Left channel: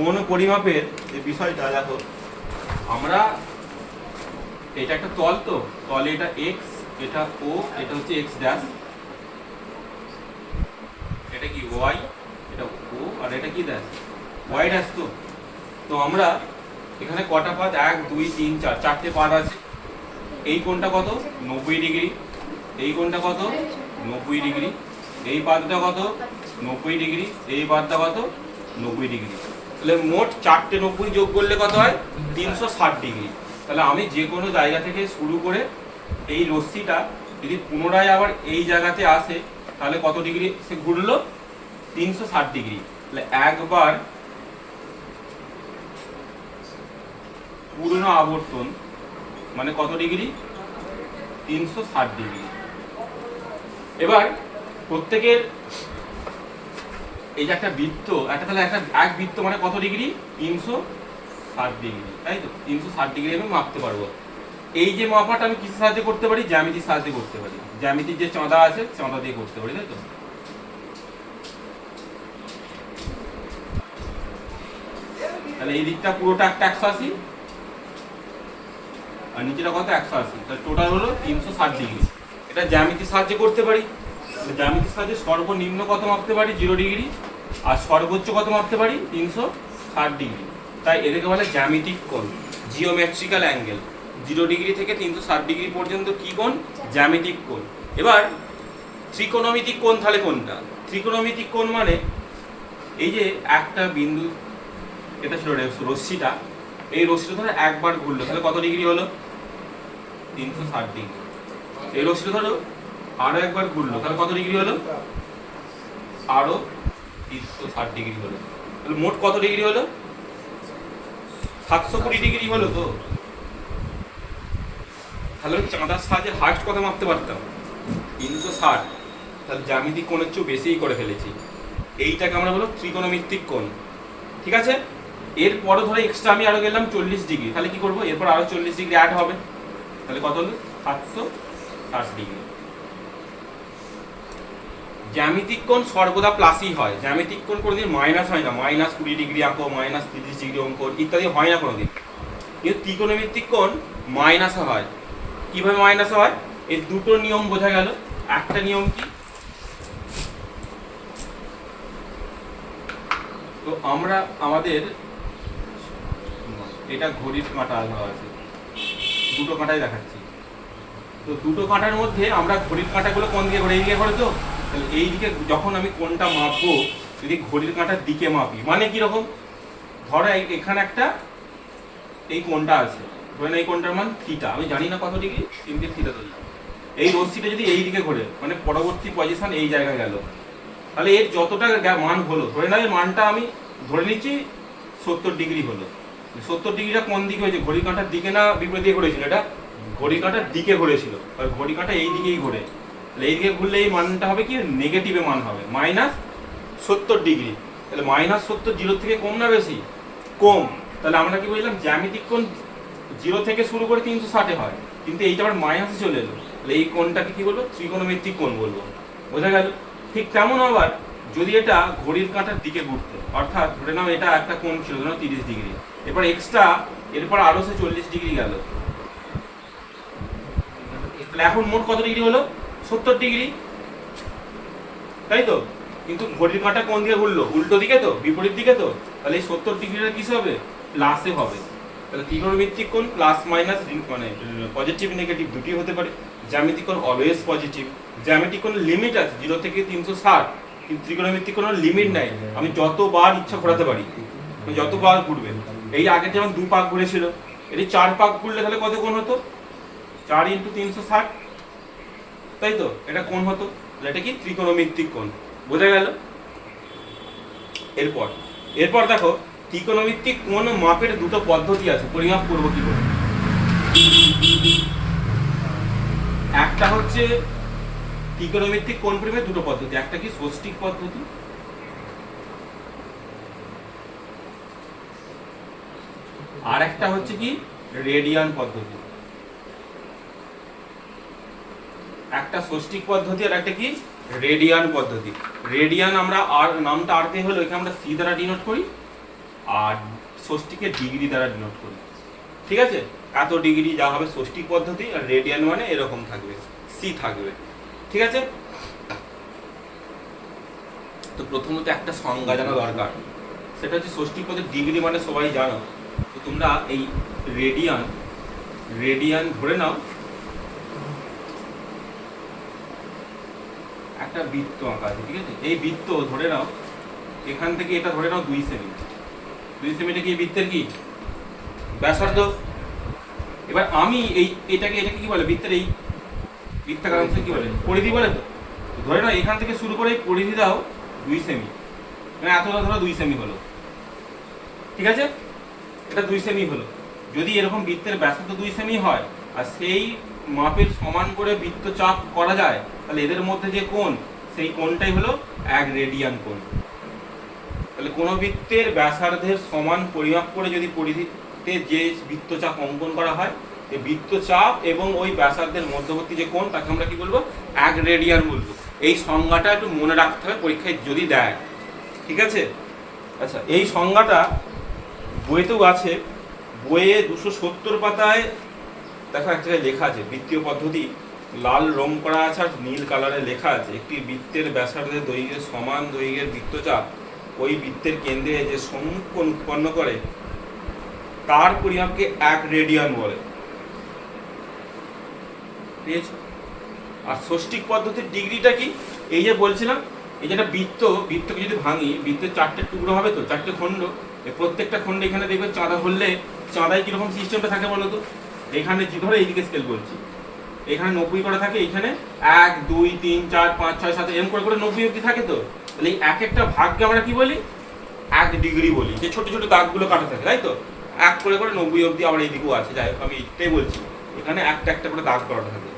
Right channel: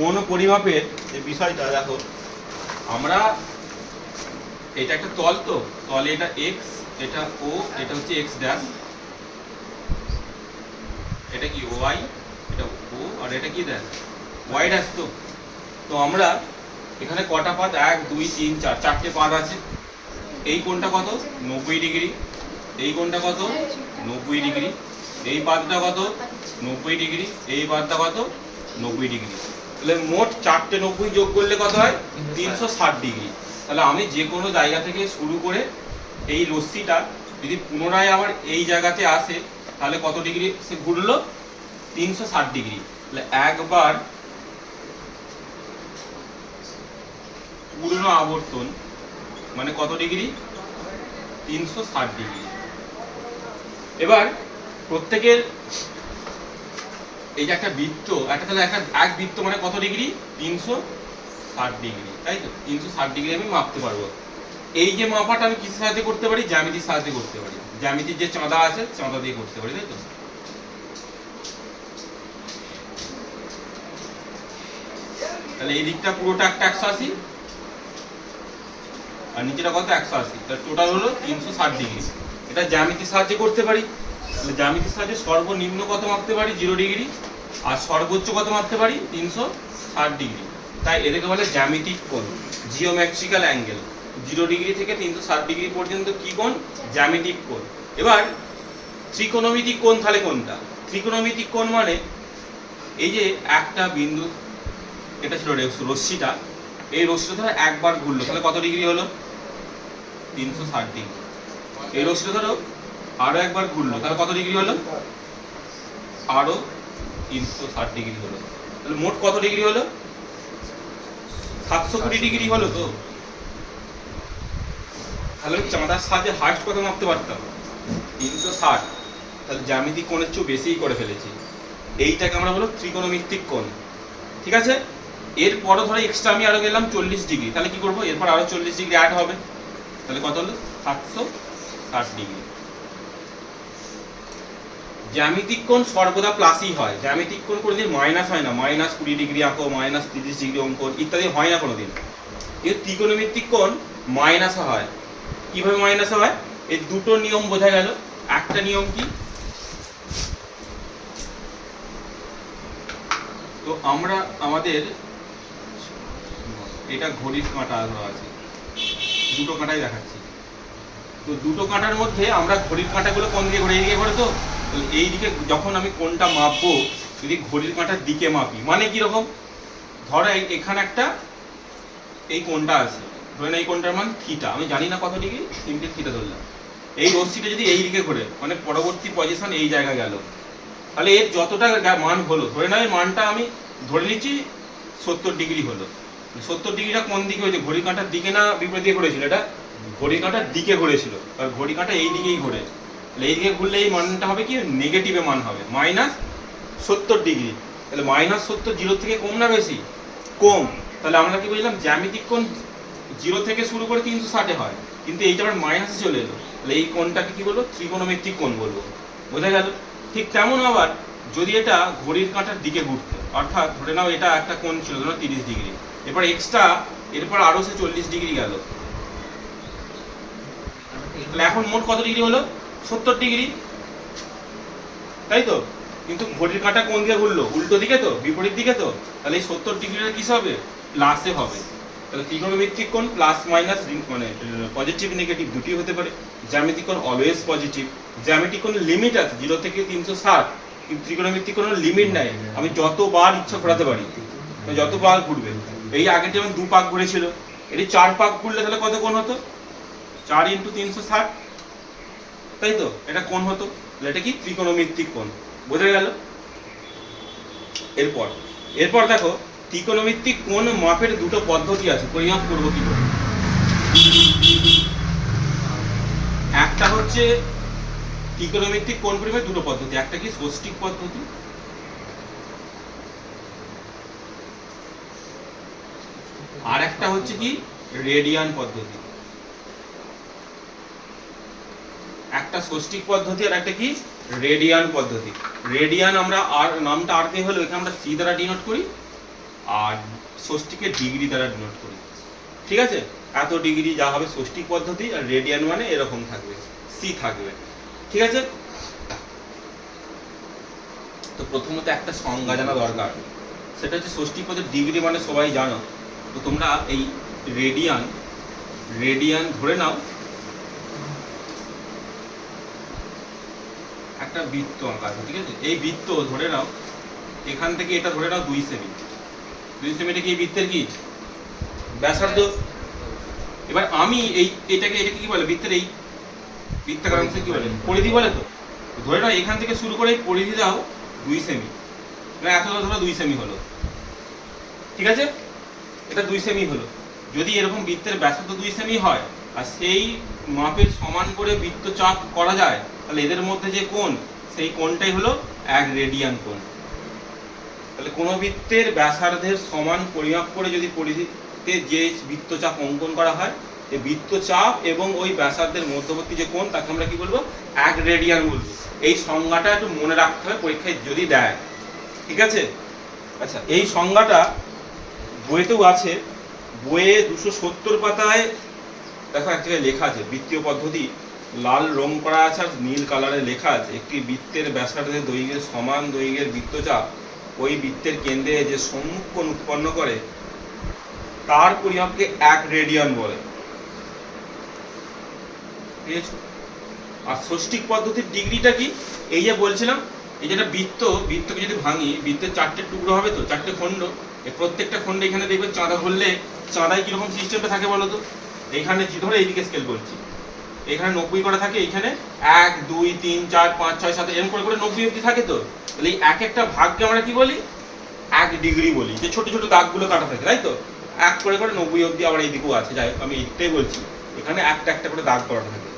কোন পরিমাপের যে বিষয়টা দেখো, আমরা এটা একটা তল, তো তলে এটা এক্স, এটা ও, এটা হচ্ছে এক্স ড্যাশ, এটা কি ওয়াই, এটা ও, আর এটা কি ড্যাশ ওয়াই ড্যাশ। তো তো আমরা এখানে কটা পাত, 1 2 3 4, চারটে পাত আছে। এই কোণটা কত, 90 ডিগ্রি। এই কোণটা কত, 90 ডিগ্রি। এই পাতটা কত, 90 ডিগ্রি। এই পাতটা কত, 90 ডিগ্রি। তাহলে মোট চারটে 90 যোগ করলে কত হয়, 360 ডিগ্রি। তাহলে আমি যে কোনো জায়গা থেকে শুরু করে এই রশ্মিটা যদি পুনরায় আবার এই জায়গাতে আসে, তাহলে কত ডিগ্রি সে ঘুরলো, 360 ডিগ্রি। তাহলে একবার পূর্ণ আবর্তন মানে কত ডিগ্রি, 360 ডিগ্রি। এবার প্রত্যেকের এই যে একটা বৃত্ত, একটা তাহলে একটা এক বৃত্ত মানে কত ডিগ্রি, 360 ডিগ্রি, তাই তো? 360 ডিগ্রি আমি মাপতে পারবো। এই যে মাপাটা আমি কিসের সাহায্যে করতে পারি, জ্যামিতির সাহায্যে করতে পারি। জ্যামিতির যে চাঁদা আছে, চাঁদা দিয়ে করতে পারি, তাই তো? তাহলে এই দিকটা পুরোটা একটা 180, আর নিচেটা কত, 180। তাহলে টোটাল হলো 360 ডিগ্রি। এটা জ্যামিতির সাহায্যে করতে পারি। জ্যামিতির সাহায্যে সর্বনিম্ন কত মাপতে পারি, 0 ডিগ্রি, আর সর্বোচ্চ কত মাপতে পারি, 360 ডিগ্রি। তাই এদেরকে বলে জ্যামিতিক কোণ, জিওমেট্রিক্যাল অ্যাঙ্গেল। 0 ডিগ্রি থেকে 360 ডিগ্রি পর্যন্ত কি কোণ, জ্যামিতিক কোণ। এবার ত্রিকোণমিতিক কোণ তাহলে কোনটা? ত্রিকোণমিতিক কোণ মানে এই যে একটা বিন্দু, এটা ছিল রশ্মিটা, এই রশ্মিটা ধরো একবার ঘুরলো, তাহলে কত ডিগ্রি হলো, 360 ডিগ্রি। এই রশ্মিটা ধরো আরো একবার ঘুরলো, তাহলে কত ডিগ্রি হলো, আরো 360 ডিগ্রি হলো। তাহলে মোট কত ডিগ্রি হলো, 720 ডিগ্রি হলো। তো তাহলে চাঁদার সাহায্যে হাইস্ট কত মাপতে পারতাম, 360। তাহলে জ্যামিতিক কোণের চেয়েও বেশিই করে ফেলেছি। এইটাকে আমরা বলো ত্রিকোণমিতিক কোণ, ঠিক আছে? এরপরও ধরো এক্সট্রা আমি আরো গেলাম 40 ডিগ্রি, তাহলে কি করবো, এরপর আরো 40 ডিগ্রি অ্যাড হবে, তাহলে কত হলো, 760 ডিগ্রি। জ্যামিতিক কোণ সর্বদা প্লাসই হয়, জ্যামিতিক কোণ কোনোদিন মাইনাস হয় না। -20 ডিগ্রি আঁকো, -30 ডিগ্রি অঙ্ক ইত্যাদি হয় না কোনোদিন। কিন্তু ত্রিকোণমিতিক কোণ মাইনাসে হয়। কিভাবে মাইনাসে হয়, এই দুটো নিয়ম বোঝা গেল। একটা নিয়ম কি, তো আমরা আমাদের এটা ঘড়ির কাঁটা আছে, দুটো কাঁটাই দেখাচ্ছি। তো দুটো কাঁটার মধ্যে আমরা ঘড়ির কাঁটাগুলো কোন দিকে ঘুরে, এইদিকে ঘোরে। তো এই দিকে যখন আমি কোনটা মাপবো, যদি ঘড়ির কাঁটার দিকে মাপি, মানে কিরকম, ধরো এখানে একটা এই কোনটা আছে, ধরে এই কোনটার মান থিটা, আমি জানি না কত ডিগ্রি, সিম্পলি থিটা ধরলাম। এই রশ্মিটা যদি এই দিকে ঘোরে, মানে পরবর্তী পজিশন এই জায়গায় গেল, তাহলে এর যতটা মান হলো, ধরে নাও এর মানটা আমি ধরে নিচ্ছি 70 ডিগ্রি হলো। 70 ডিগ্রিটা কোন দিকে হয়েছে, ঘড়ির কাঁটার দিকে না বিপরীত দিকে ঘুরেছিল? এটা ঘড়ির কাঁটার দিকে ঘুরেছিল, আর ঘড়ির কাঁটা এই দিকেই ঘুরে। তাহলে এই দিকে ঘুরলে এই মানটা হবে কি, নেগেটিভে মান হবে, -70 ডিগ্রি। তাহলে -70 0 থেকে কম না বেশি, কম। তাহলে আমরা কি বুঝলাম, জ্যামিতিক কোণ 0 থেকে শুরু করে 360 হয়, কিন্তু এইটা আবার মাইনাসে চলে এলো, তাহলে এই কোণটাকে কি বলবো, ত্রিকোণমিতিক কোণ বলবো। বোঝা গেল? ঠিক তেমন আবার যদি এটা ঘড়ির কাঁটার দিকে ঘুরতো, অর্থাৎ ধরে নাও এটা একটা কোণ ছিল, ধরো 30 ডিগ্রি, এরপর এক্সট্রা এরপর আরো সে 40 ডিগ্রি গেল, তাহলে এখন মোট কত ডিগ্রি হলো, 70 ডিগ্রি, তাই তো? কিন্তু ঘড়ির কাঁটা কোন দিকে ঘুরলো, উল্টো দিকে, তো বিপরীত দিকে। তো তাহলে এই 70 ডিগ্রিটা কি হবে, প্লাসে হবে। তাহলে ত্রিকোণমিতিক কোণ প্লাস মাইনাস, মানে পজিটিভ নেগেটিভ দুটি হতে পারে। জ্যামিতিক কোণ অলওয়েজ পজিটিভ। জ্যামিতিক কোণের লিমিট আছে 0 থেকে 360, কিন্তু ত্রিকোণমিতিক কোণের লিমিট নাই, আমি যতবার ইচ্ছা ঘোরাতে পারি, যতবার ঘুরবে। এই আগে যেমন 2 পাক ঘুরেছিল, এটি 4 পাক ঘুরলে তাহলে কত কোণ হতো, 4 × 360, তাই তো? এটা কোণ হতো, এটা কি ত্রিকোণমিতিক কোণ। বোঝা গেল? এরপর দেখো, ত্রিকোণমিতিক কোণ মাপের দুটো পদ্ধতি আছে, পরিমাপ করবো কি করে। একটা হচ্ছে ত্রিকোণমিতিক কোণ পরিমাপের দুটো পদ্ধতি, একটা কি ষষ্ঠিক পদ্ধতি, আর একটা হচ্ছে কি রেডিয়ান পদ্ধতি। একটা ষষ্ঠিক পদ্ধতি আর একটা কি রেডিয়ান পদ্ধতি। রেডিয়ান আমরা আর নামটা আর দিয়ে হলো, এখানে আমরা সি দ্বারা ডিনোট করি, আর ষষ্ঠীকে ডিগ্রি দ্বারা ডিনোট করি। ঠিক আছে, এত ডিগ্রি যা হবে ষষ্ঠী পদ্ধতি, আর রেডিয়ান মানে এরকম থাকবে, সি থাকবে। ঠিক আছে, তো প্রথমত একটা সংজ্ঞা জানা দরকার, সেটা হচ্ছে ষষ্ঠী পদ্ধতি। ডিগ্রি মানে সবাই জানো, তো তোমরা এই রেডিয়ান ধরে নাও একটা বৃত্ত আঁকা আছে। ঠিক আছে, এই বৃত্ত ধরে নাও এখান থেকে এটা ধরে নাও 2 সেমি। 2 সেমিটা কি বৃত্তের কি ব্যাসার্ধ। এবার আমি এটাকে কি বলে, বৃত্তের এই বৃত্তাকার অংশ কি বলে, পরিধি বলে। তো ধরে নাও এখান থেকে শুরু করে পরিধি দাও 2 সেমি, মানে এতটা ধরো 2 সেমি হলো। ঠিক আছে, এটা 2 সেমি হলো। যদি এরকম বৃত্তের ব্যাসার্ধ 2 সেমি হয় আর সেই মাপের সমান করে বৃত্তচাপ করা যায়, তাহলে এদের মধ্যে যে কোণ, সেই কোণটাই হলো 1 রেডিয়ান কোণ। তাহলে কোনো বৃত্তের ব্যাসার্ধের সমান পরিমাপ করে যদি পরিধিতে যে বৃত্তচাপ অঙ্কন করা হয়, এই বৃত্তচাপ এবং ওই ব্যাসার্ধের মধ্যবর্তী যে কোণ, তাকে আমরা কি বলবো, 1 রেডিয়ান বলবো। এই সংজ্ঞাটা একটু মনে রাখতে হবে পরীক্ষায় যদি দেয়। ঠিক আছে, আচ্ছা এই সংজ্ঞাটা বইতেও আছে, বইয়ে 270 পাতায় দেখো এক জায়গায় লেখা আছে, বৃত্তীয় পদ্ধতি লাল রং করা আছে আর নীল কালারে লেখা আছে, একটি বৃত্তের ব্যাসার্ধের দৈর্ঘ্যের সমান দৈর্ঘ্যের বৃত্তচাপ ওই বৃত্তের কেন্দ্রে যে সম্মুখ কোণ উৎপন্ন করে তার পরিমাপকে 1 রেডিয়ান বলে। আর ষষ্ঠিক পদ্ধতির ডিগ্রিটা কি, এই যে বলছিলাম, এই যেটা বৃত্তকে যদি ভাঙি, বৃত্তের 4টে টুকরো হবে, তো 4টে খণ্ড, এই প্রত্যেকটা খণ্ডে এখানে দেখবে চাঁদা ধরলে চাঁদায় কিরকম সিস্টেমটা থাকে বলো তো। এখানে ধরে এইদিকে স্কেল করছি, এখানে 90 করা থাকে, এখানে 1 2 3 4 5 6 7 এরকম করে 90 অবধি থাকে। তো তাহলে এই এক একটা ভাগকে আমরা কি বলি, 1 ডিগ্রি বলি, যে ছোট ছোট দাগগুলো কাটা থাকে, তাই তো 1 করে 90 অবধি। আবার এইদিকেও আছে, যাই হোক আমি এইটাই বলছি, এখানে একটা একটা করে দাগ করা থাকে।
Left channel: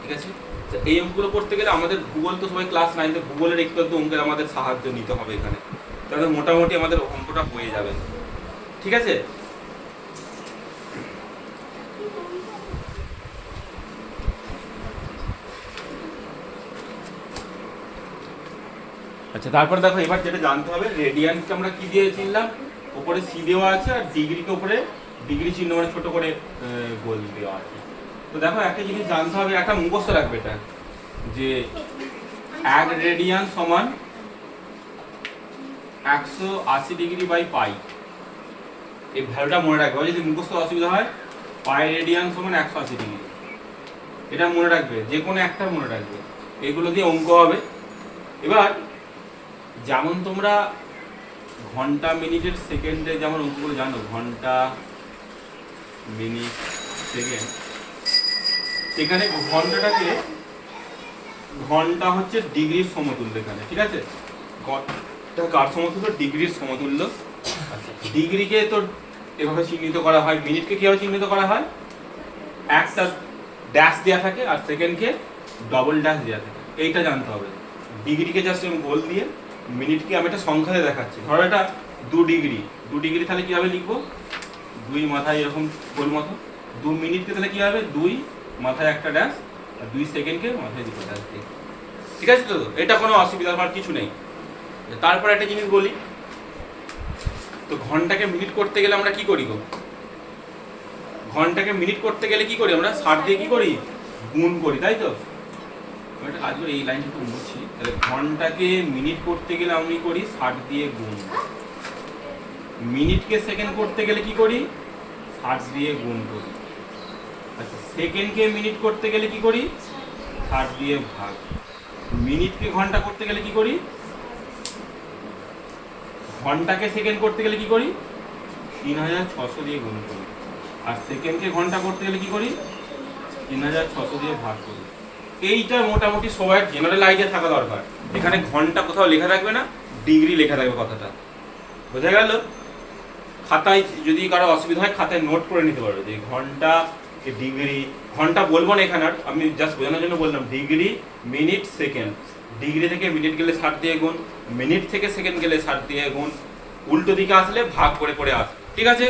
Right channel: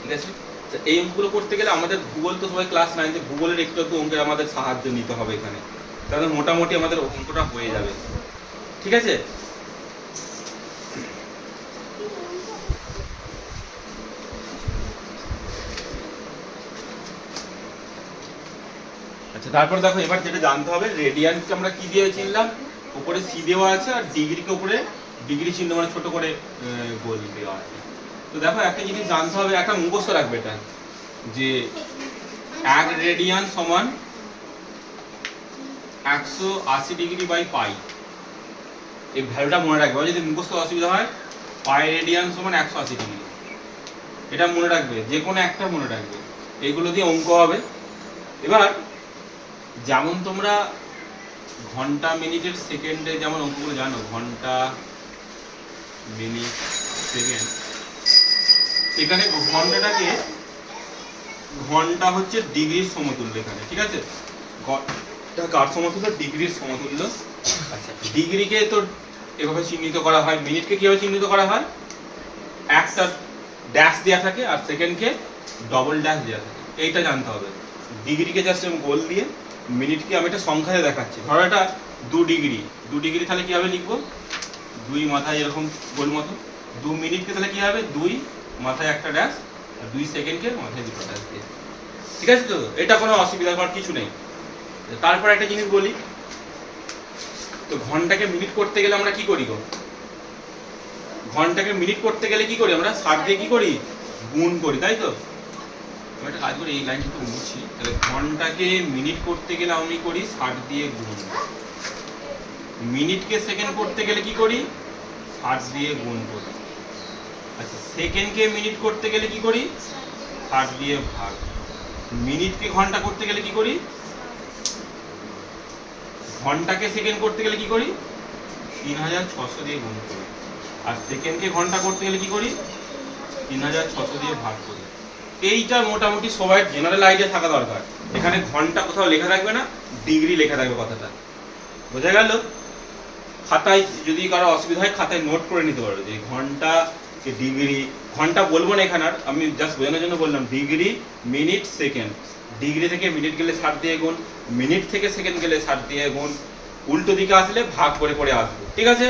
ঠিক আছে, এই অঙ্কগুলো করতে গেলে আমাদের ভূগোল, তো সবাই ক্লাস 9-তে ভূগোলের একটু অঙ্কের আমাদের সাহায্য নিতে হবে এখানে, তাহলে মোটামুটি আমাদের অঙ্কটা হয়ে যাবে। ঠিক আছে, আচ্ছা তারপরে দেখো এবার যেটা জানতে হবে, রেডিয়ানকে আমরা কি দিয়ে চিনলাম, উপরে সি দেওয়া আছে, আর ডিগ্রিকে উপরে ডিগ্রি চিহ্ন মানে ছোট করে গোল দেওয়া আছে। তো দেখো একটা জিনিস জানতে হবে, একটা মুখস্থ রাখবে এটা, যে 1 রেডিয়ান সমান 180 ডিগ্রি বাই পাই। এই ভ্যালুটা মনে রাখবে, যদি মুখস্থ অসুবিধা হয়, পাই রেডিয়ান সমান 180 ডিগ্রি, এটা মনে রাখবে, যে কোনো একটা মনে রাখবে, এগুলো দিয়ে অঙ্ক হবে। এবার যেমন তোমরা ঘন্টা মিনিটের সেকেন্ডে যেমন অঙ্কগুলো জানো, ঘন্টা মিনিট সেকেন্ড, এখানে ঘন্টাটাকে, ঘন্টা হচ্ছে ডিগ্রির সমতুল্য এখানে। ঠিক আছে, ঘন্টা কার সমতুল্য, ডিগ্রির সমতুল্য। আচ্ছা ডিগ্রিকে তো এভাবে চিহ্নিত করা হয়, মিনিটকে কিভাবে চিহ্নিত করা হয়, একটা ড্যাশ দেওয়া থাকে আর সেকেন্ডকে ডবল ড্যাশ দেওয়া থাকে, এইটা জানতে হবে। ডিগ্রিকে জাস্ট আমি গোল দিয়ে, মিনিটকে আমি একটা সংখ্যায় দেখাচ্ছি, ধরো এটা 2 ডিগ্রি, 2 ডিগ্রি তাহলে কীভাবে লিখবো, 2 মাথায় এরকম গোল মতো, 2 মিনিটকে তাহলে কী হবে, 2 মাথায় একটা ড্যাশ, আর 2 সেকেন্ডকে মাথায় দুটো ড্যাশ দিয়ে। ঠিক আছে, তো এটা কোনো অসুবিধা হওয়ার কিছু নেই। তারপর একটা জিনিস বলি, তো ঘন্টাকে মিনিট করতে গেলে আমরা কি করি গো, ঘন্টাকে মিনিট করতে গেলে কি করি আমরা, 60 দিয়ে কি করি, গুণ করি, তাই তো। একটা কাজ করি, এই লাইনটা একটু মুছি, তাহলে ঘন্টাকে মিনিট করতে গেলে আমি করি 60 দিয়ে গুণ, মিনিটকে সেকেন্ড করতে গেলে কি করি, 60 দিয়ে গুণ করি। আচ্ছা সেকেন্ডকে মিনিট করতে গেলে কি করি, 60 দিয়ে ভাগ। মিনিটকে ঘন্টা করতে গেলে কি করি, ঘন্টাকে সেকেন্ড করতে গেলে কি করি, 3600 দিয়ে গুণ করি। আর সেকেন্ডকে ঘন্টা করতে গেলে কি করি, 3600 দিয়ে ভাগ করি। এইটা মোটামুটি সবাই জেনারেল আইডিয়া থাকা দরকার। এখানে ঘন্টা কোথাও লেখা থাকবে না, ডিগ্রি লেখা থাকবে, কথাটা বোঝা গেল। খাতায় যদি কারো অসুবিধা হয় খাতায় নোট করে নিতে পারবে, যে ঘন্টা ডিগ্রি, ঘন্টা বলবো না এখানে, আর আমি জাস্ট বোঝানোর জন্য বললাম ডিগ্রি মিনিট সেকেন্ড, ডিগ্রি থেকে মিনিট গেলে 60 দিয়ে গুণ, মিনিট থেকে সেকেন্ড গেলে 60 দিয়ে গুণ, উল্টো দিকে আসলে ভাগ করে করে আসবে। ঠিক আছে,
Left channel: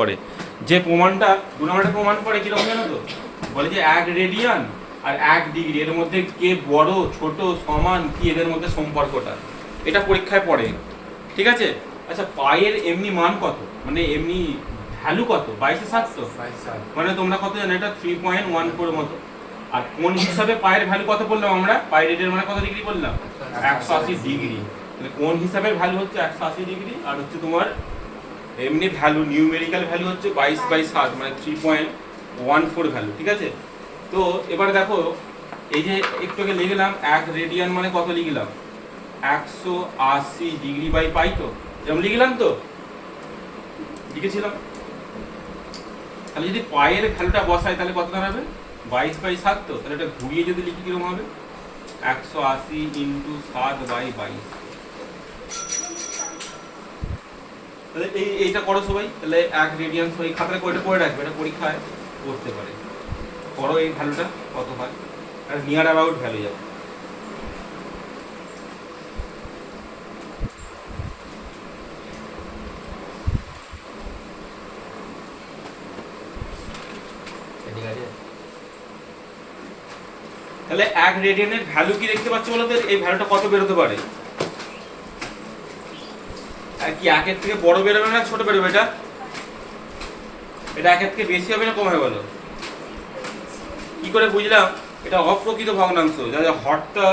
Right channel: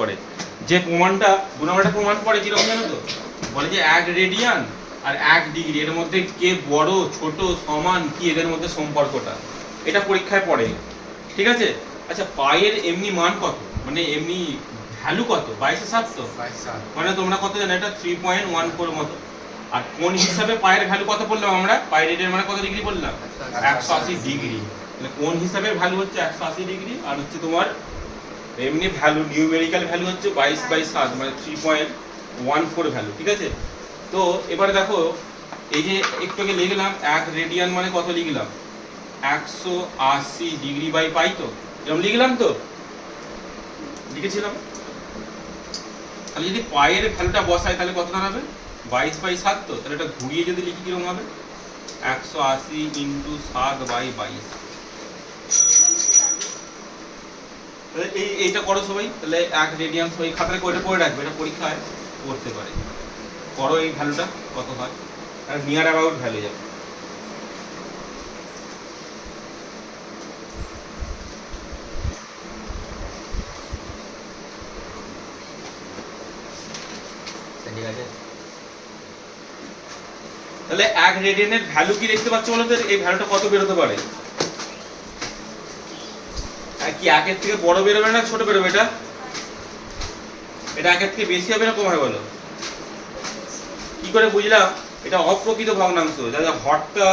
পরে যে প্রমাণটা 2 নম্বরের প্রমাণ পড়ে কিরকম জানো তো, বলে যে 1 রেডিয়ান আর 1 ডিগ্রি এর মধ্যে কে বড় ছোট সমান কি, এদের মধ্যে সম্পর্কটা। এটা পরীক্ষায় পড়ে, ঠিক আছে? আচ্ছা পায়ের এমনি মান কত, মানে এমনি ভ্যালু কত? 22/7 তো, মানে তোমরা কত জানো? এটা 3.14 মতো। আর কোণ হিসাবে পায়ের ভ্যালু কত বললাম আমরা? পায়ের রেডিয়ান মানে কত ডিগ্রি বললাম? 180 ডিগ্রি। মানে কোণ হিসাবে ভ্যালু হচ্ছে 180 ডিগ্রি, আর হচ্ছে তোমার এমনি ভ্যালু নিউমেরিক্যাল ভ্যালু হচ্ছে 22/7 মানে 3.14 ভ্যালু, ঠিক আছে? তো এবারে দেখো এই যে একটু আগে লিখলাম 1 রেডিয়ান মানে কত লিখলাম? 180 ডিগ্রি বাই পাই, তো যেমন লিখলাম তো লিখেছিলাম। তাহলে যদি পায়ের ভ্যালুটা বসাই তাহলে কত দাঁড়াবে? 22/7, তো তাহলে এটা ঘুরিয়ে যদি লিখি কিরকম হবে? 180 × 7/22। তাহলে এইটা করো সবাই, তাহলে 1 রেডিয়ান সবাই খাতায় করে পড়ে রাখবে, এটা পরীক্ষায় করতে পারে। করো এই ভ্যালুটা কত হয়, আর নিয়ার অ্যাবাউট ভ্যালু যাবে। ঠিক আছে, তাহলে 1 রেডিয়ানের ভ্যালু কি দেখতে পাচ্ছ বলো তো? এই ভ্যালুটা কত বেরোতে পারে? আর কি 1 এর থেকে বড় বেরোবে না ছোট বেরোবে? এটা 1 এর থেকে বেশি হবে না কম হবে বলো? কি করে বুঝলাম এটা অপ্রকৃত ভগ্নাংশ? যাতে হরটা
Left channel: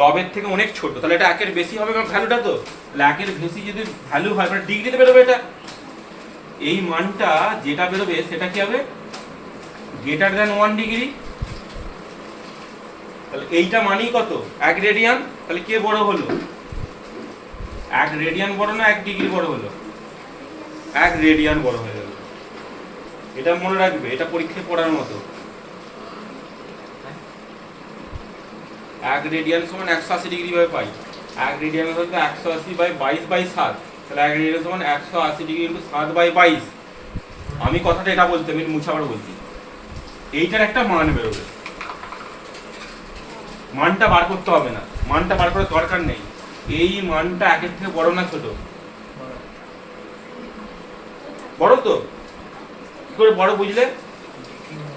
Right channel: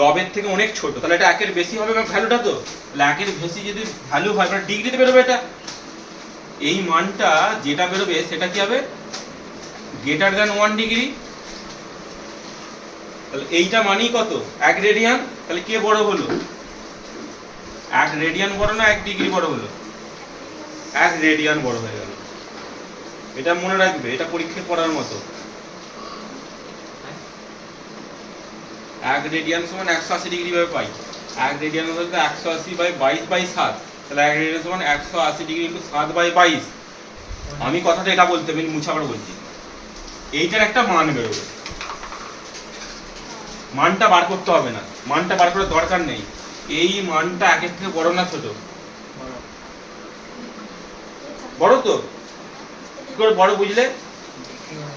লবের থেকে অনেক ছোট, তাহলে এটা 1 এর বেশি হবে ভ্যালুটা, তো 1 এর বেশি যদি ভ্যালু হয় মানে ডিগ্রিতে বেরোবে এটা। এই মানটা যেটা বেরোবে সেটা কি হবে? Greater than 1 degree. তাহলে এইটা মানেই কত? 1 রেডিয়ান। তাহলে কে বড় হলো? 1 রেডিয়ান বড় না 1 ডিগ্রি বড় হলো? 1 রেডিয়ান বড় হয়ে গেল। এটা মনে রাখবে, এটা পরীক্ষায় পড়ার মতো। 1 রেডিয়ান সমান 180 ডিগ্রি ভাবে পাই। 1 রেডিয়ান হলো 180/22/7, তাহলে 1 রেডিয়ান সমান 180 ডিগ্রি × 7/22। আমি কথাটা এটা বলতে, আমি মুছাবার বলছি। এইটার একটা মান বেরোবে, মানটা বার করতে হবে না, মানটা বার করার দরকার নেই। এই মানটা 1 এর থেকে বড় না ছোট? বড় তো। কি করে বড় বুঝলে?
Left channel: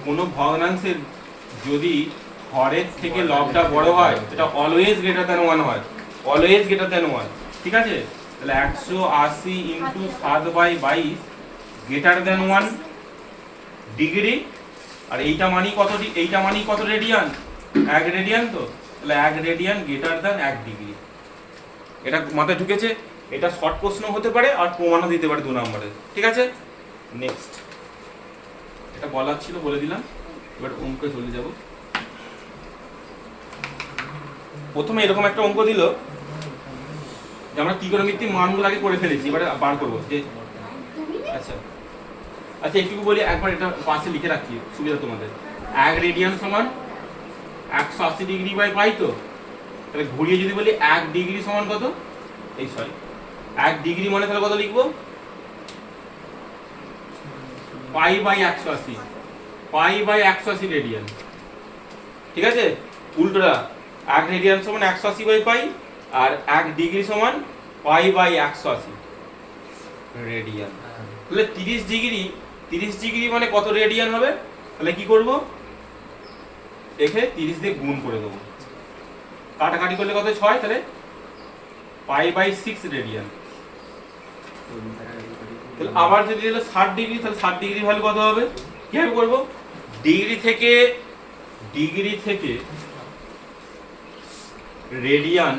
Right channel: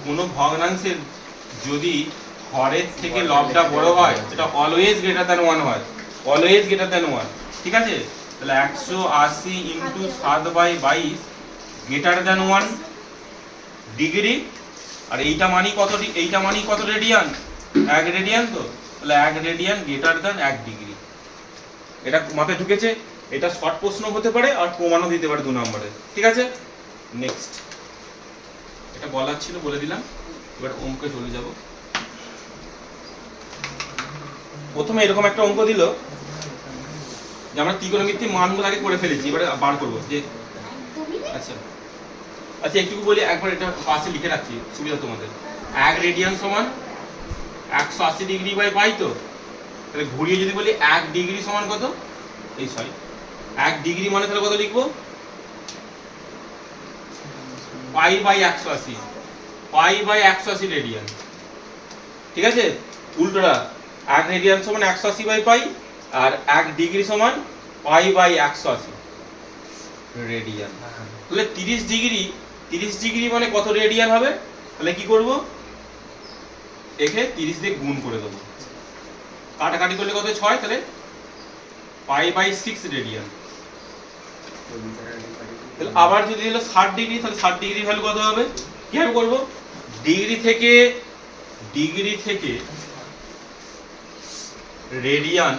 কোন ভগ্নাংশের যদি হরের থেকে লবটা বড় হয় সেটা অলওয়েজ গ্রেটার দ্যান 1 হয়, অলওয়েজ গ্রেটার দ্যান 1, ঠিক আছে? তাহলে 180 × 7/22 গ্রেটার দ্যান 1 ডিগ্রি। আর এইটা মানি কত? এইটা মানি কত রেডিয়ান? 1 রেডিয়ান, তো তাহলে 1 রেডিয়ান গ্রেটার দ্যান 1 ডিগ্রি। এটা মাথায় ঢুকেছে? এটা শর্ট প্রশ্ন হতে পারে আর প্রমাণও দিতে পারে 2 নম্বরে, ঠিক আছে? নেক্সট, এটা বলার ছিল বলে দিলাম। এবার অঙ্কে চলে যাব। প্রথমে এরকম একটা অঙ্ক দিল যে আমরা ত্রিকোণমিতির মানগুলো আগে করে ফেলেছি, এবারে বার করবো যে আচ্ছা আচ্ছা একটু বলি, একবার এটা পাশে লিখে রাখছি সুবিধা তোমাদের। 1 রেডিয়ান সমান 180 ডিগ্রি বাই পাই, তো তাহলে ঘুরিয়ে যদি বলি 1 ডিগ্রি সমান কত? এই সরি 1 ডিগ্রি মানে তাহলে কত লিখবো? π/180, π/180 রেডিয়ান, ঠিক আছে? উল্টোটা 1 রেডিয়ান সমান 180/π, আর 1 ডিগ্রি সমান π/180 রেডিয়ান। তাহলে 30 ডিগ্রি মানে কত রেডিয়ান হবে? তাহলে কি করব? একে 30 দিয়ে গুণ করে দেবো, কাটাকাটি করলে কত? 6, তাহলে π/6 রেডিয়ান। তাহলে আবার যদি হলো 60 ডিগ্রি, তাহলে 60 ডিগ্রি ভ্যালু কত হবে? কিভাবে করব? ডিগ্রি থেকে রেডিয়ান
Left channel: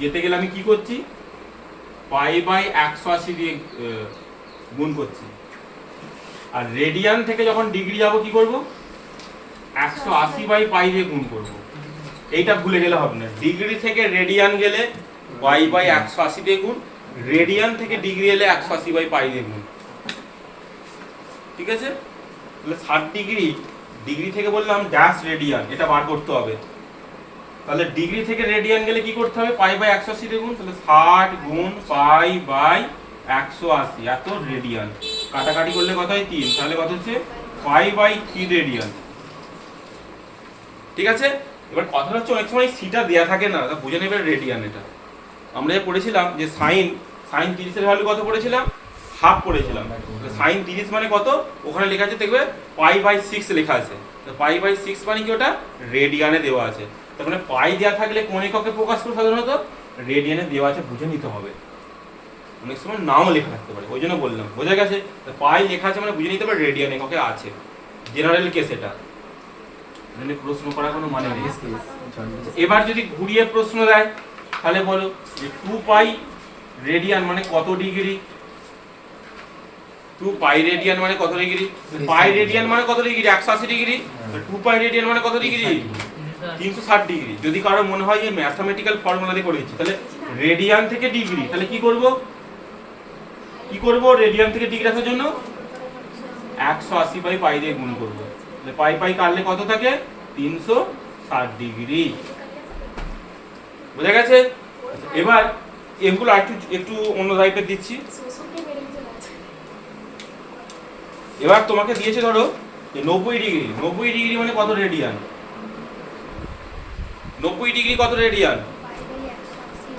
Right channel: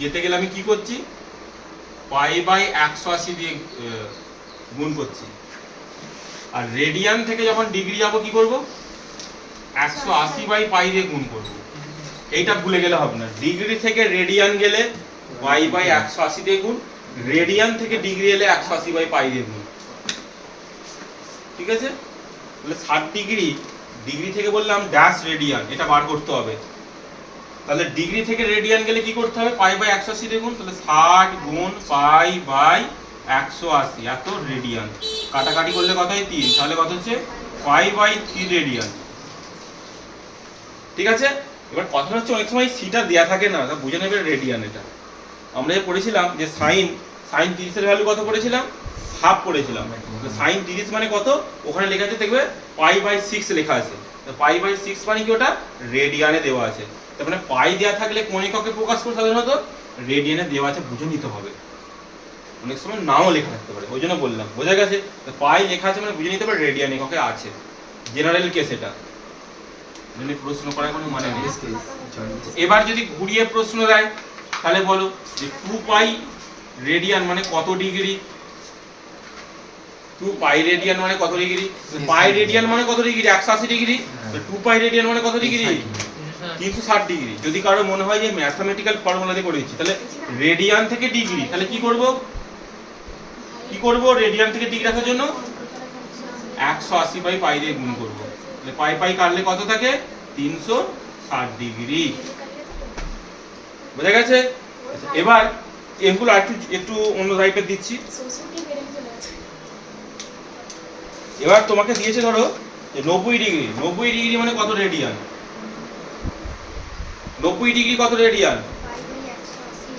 যেতে গেলে আমি কি করছি? π/180 দিয়ে গুণ করছি। আর রেডিয়ান থেকে যখন ডিগ্রি যাব কি করব? 180/π দিয়ে গুণ করব। এইটা ভুলে গেলে হবে না। ডিগ্রি থেকে রেডিয়ান গেলে π/180 দিয়ে গুণ, রেডিয়ান থেকে ডিগ্রি এলে 180/π দিয়ে গুণ, ঠিক আছে? তাহলে 60 ডিগ্রি থেকে বললাম ড্যাশ রেডিয়ান, এটা বার করতে হবে। তাহলে ডিগ্রি থেকে রেডিয়ান গেলে কি করতে হবে? π/180 দিয়ে গুণ, তাহলে 60 গুণ π/180 এত রেডিয়ান। কাটাকাটি করলে কত হয়? 3, তাহলে কত হচ্ছে? π/3 রেডিয়ান, ঠিক আছে? এবার কথা হচ্ছে অনেক সময় সিটা দেয়া থাকে না, তা বুঝে নেবে রেডিয়ান। এটা আমরা যে পড়েছিলাম যে সাইন 30 এর ভ্যালু কত পড়েছিলাম? হাফ পড়েছিলাম। সাইন 30 মানে কত? ওখানে লেখা আছে দেখবে π/6 লেখা আছে। π/6 মানে কি? ওটা রেডিয়ানে দেওয়া আছে। তার মানে পাই দেওয়া থাকলে কোন এককে প্রকাশ করে সাধারণত রেডিয়ানে দেওয়া আছে বুঝে নিতে হবে, অনেক সময় নাও লেখা থাকতে পারে, ওই জন্য বললাম। বোঝা গেছে? পাই লেখা আছে মানে বুঝে নিতে হবে রেডিয়ান এককে আছে, জেনারেল কেস এটা, মানে প্রশ্ন করার কোনো মানে নেই। এবার যদি ঘুরিয়ে প্রশ্ন দেয় তাহলে বলো যে 2 পাই রেডিয়ান মানে কত ডিগ্রি? 2 পাই রেডিয়ান মানে কত ডিগ্রি? পাই রেডিয়ান মানে কত ডিগ্রি? 180 ডিগ্রি। তো 2 পাই রেডিয়ান মানে কত ডিগ্রি? 360 ডিগ্রি। যদি কারো মনে হয় যে ম্যাথমেটিক্যাল ফর্মুলা দিয়ে করেছি, তাহলে রেডিয়ান থেকে ডিগ্রি, তাহলে কি করব? রেডিয়ান থেকে ডিগ্রি আসার জন্য 180 বাই পাই দিয়ে গুণ করব। তাহলে পাই পাই কাটলে কত থাকে? 360 ডিগ্রি। বুঝা গেছে? এবার এগুলো একটু অন্য টাইপের দিচ্ছি। এবার তোমাকে দিয়েছে ধরো যে 90 ডিগ্রি। 90 ডিগ্রি মানে কত রেডিয়ান? 90 ডিগ্রি কত রেডিয়ান?